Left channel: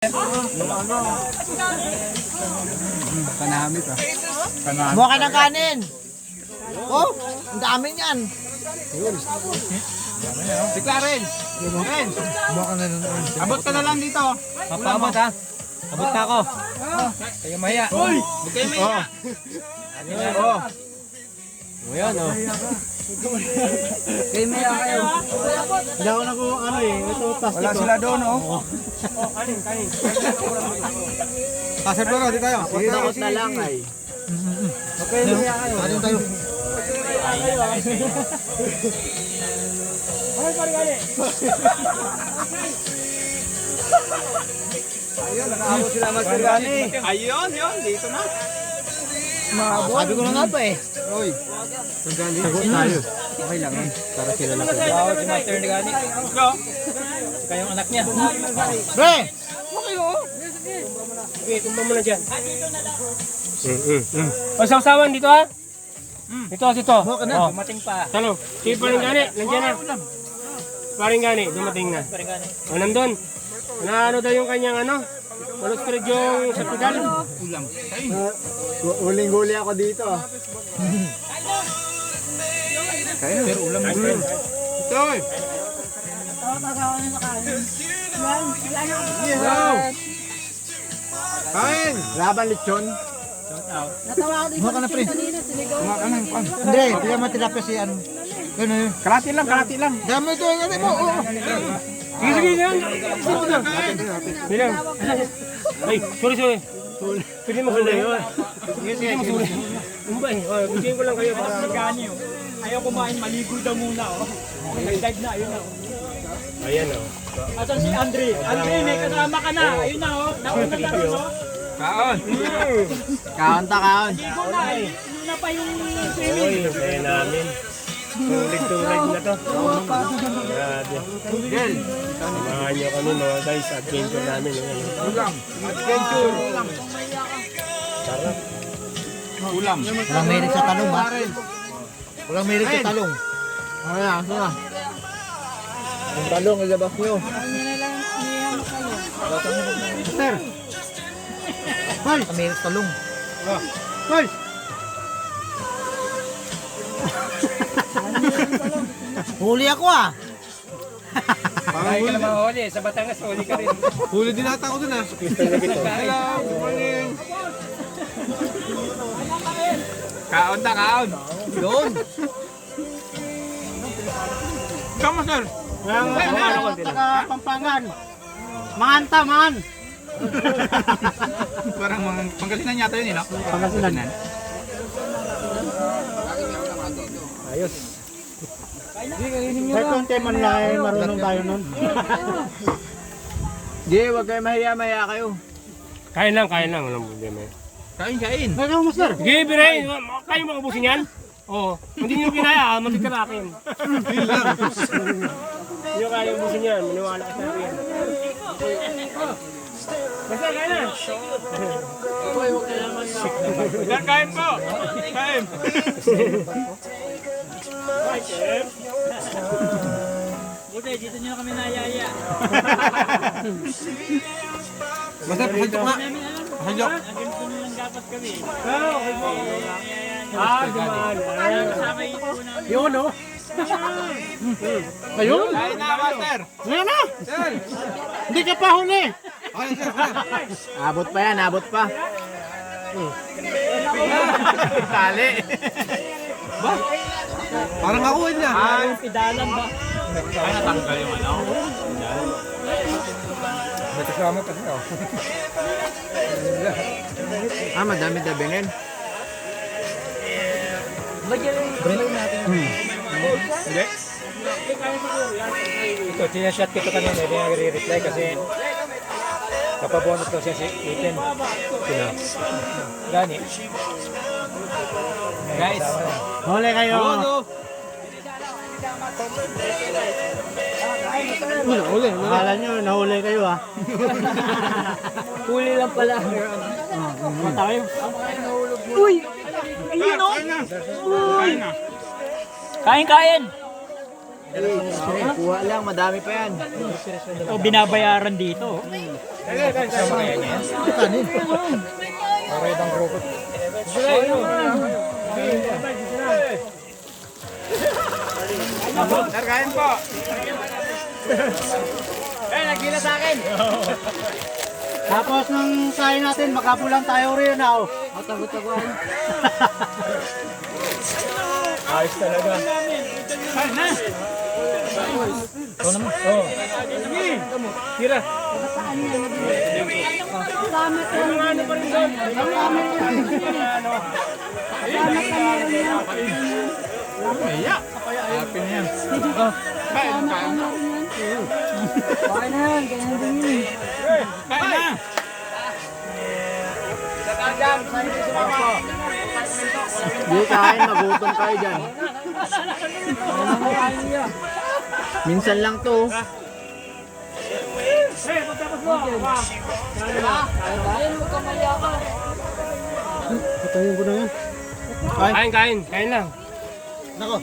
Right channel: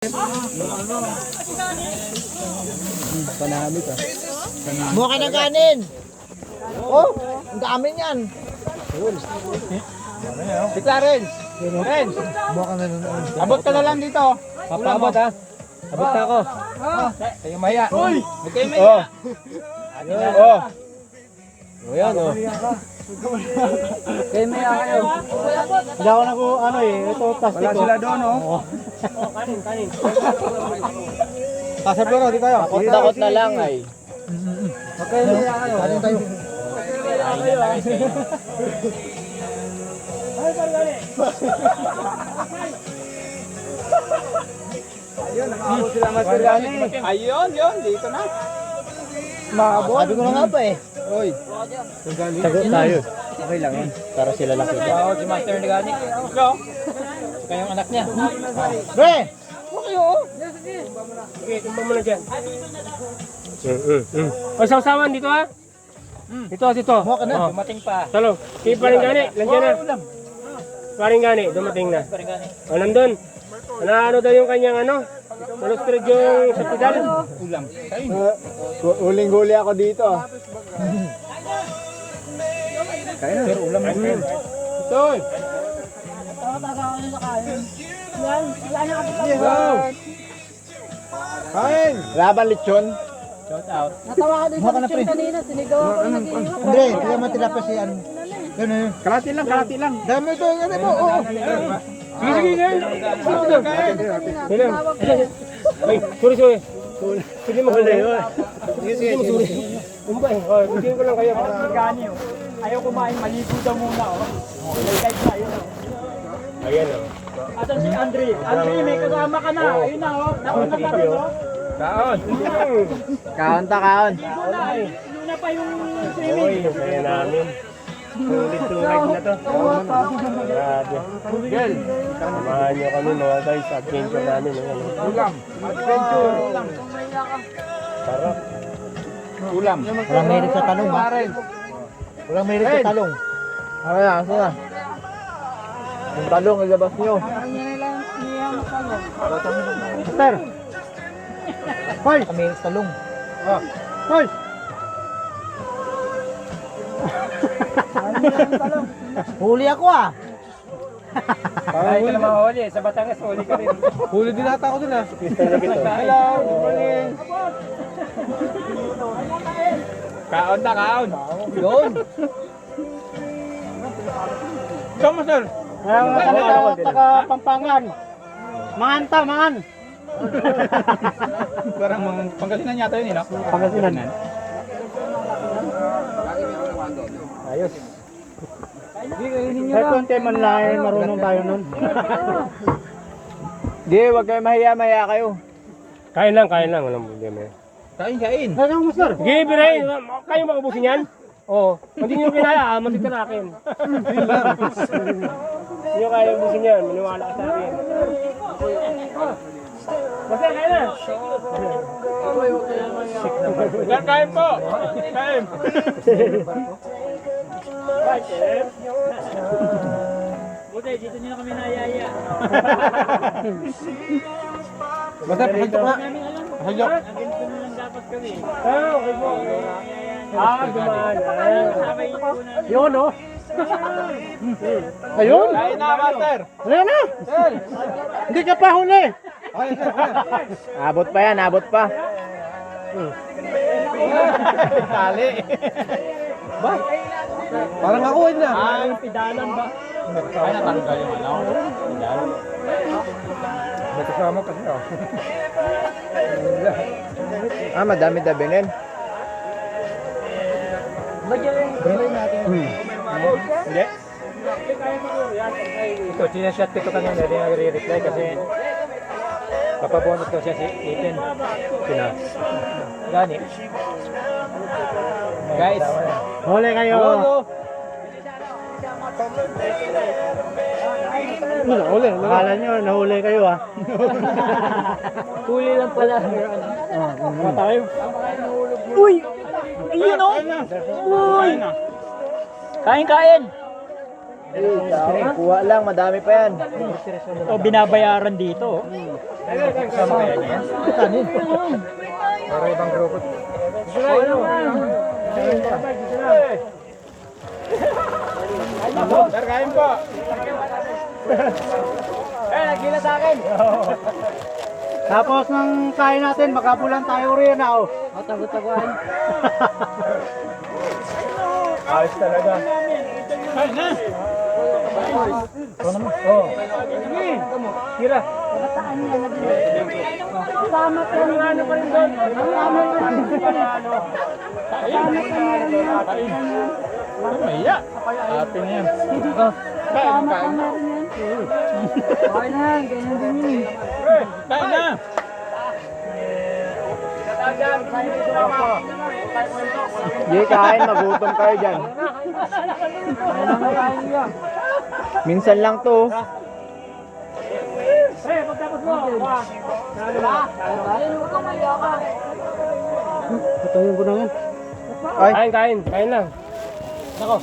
Kanamit ah. Buha ka ng kanin. Oh, ang dami niyan. Bigla rin. Ren, Buha ka na ng abot ka na lang dito. Papaabot ha. Abot na ako. Kayo maya. Huwag kayo maya. Oh. O yan o. Kayo maya kayo. Hindi ako na ko ano eh. Ito plastic Wala ko. sila doon oh. Kanin. Pasar pero di tayo. Takot na lang ay. Okay, maya kayo. kanin tayo. Ayun, nakaabot sila Master Gani. Ayun, yun, dito na. Sabi ko na nga pa eh. Oy. Sagot tayo. Okay lang yan. Para sila lang. Wow, si Master Gani. Ito. Saka yung anak niya. Pre! Okay, kumpang mo na dyan. Pasaw-sawan dito ha. Dito. Buha ka na. Dumating pa. Talo. Si paring gani. Nandiyan na. Paring gani. Dumating na. O nandun. Ano daw yung kanyang ano? Maluskrig yung sa pedal. Ulam. Uling-huli ako dito. Kaya na. Pero ulam na. Ito eh. Kain. Laban lechon. Natawa ako din Buha ka sa na, pre. lechon kanina, sinigaw ako kanina. Hindi, hindi mo tinapa si ano. Ano yun? Kalati lang. Dami ito yung ano mo. Oo. Sige yan. Bilang. Ay, sorry. Sige mo huli. Sige mo sorry. Umbay. Oh, bigyan ko lang kayo para Gani, oh. Ayaw kumain, maligo daw muna, oh. May guide na, ayun, oh. ayan oh. Asan si Andre? Andre, may kasama ka na. Ayun na, oh. Nauna ka rin, oh. Kaon. Kaon ta, kaon. Ligo na, eh. Inuna pa yung Oy, swimming. saya namin. Tulit na to. Grabe. Girl, samahan niyo kami mga guys. Adventure namin. Ulam. Adventure. Tara. Ulam. Walang mahilig sa talong ba? Walang mahilig sa talong. Ano na? Yung talong, ilabas nyo. Mister! Hoy! Mahilig sa talong. Hoy! Huli ako ah! Kaya ka naman huli. Sa Batangas, huli ka rin. Huli din ata ako dun ah. Hello, good morning. Kaon ta, kaon. Yun! Come sir. Taga Pampangan. Man. Parang mga Pangasinan yata yun, no? Pangasinan. Ayos. May konti man lang, marunong tayo nun. Di, wag kayo mahiya kayo. Kain lang. Walang problema. Kain. Ano mo, sir? Sige, Biray. Kayo makabusin yan? Oo. Hindi nyo kinaya, matig ka akin. Hindi nyo kaya ubusin yan. Maniwala ka sa akin. Basta, kain na. Kain po. Kain. Buti, dito nyo na kami nayaya. Basta, pasok nga. Namin alam. Pasok. Ang ganito na lang dapat kami. Okay po. Dumaan. Sabay ko na. Yun, no? Ayun. Kain na, master. Ayun na. Sir. Hindi ka pa huli. Okay, sir. Abot pa yan, abot pa. Tali. Ba? Parang ako niya. Yung pidalan ba? Ay, natanggal yung ano. May kasama kasi ako. Madami dabinin. Hindi? Ito, sinashot ko ito kanina. Hindi nag-reply kasi kapabonot ko siya si Ethan. Sino? Gani. Guys. Huli kayo. Huli. Akala nyo, nahuli kayo ah. Huli lang pala. Uy! Ayun o! Kain na. Kain! Kuha lang, madami pa yan. O binabayaran dito. Kasama kaya niya yan? Kanin. Para ibang grupo. Sir, kain po. Nagila sa akin. Tapos nung kain natin, makapulan tayo rin na oh. Matagot-taguan. Ayos talaga. Ikaw naman. Oo. Tira. Kabataan niya. Salamat po. Salamat Happy na yan. Salamat po na rin yan. Okay na, ganyan din yun. Kain na! Hindi kain, magutom kayo dyan. Minsan lang to. Patayin ko na yan. Kain lang. Nako.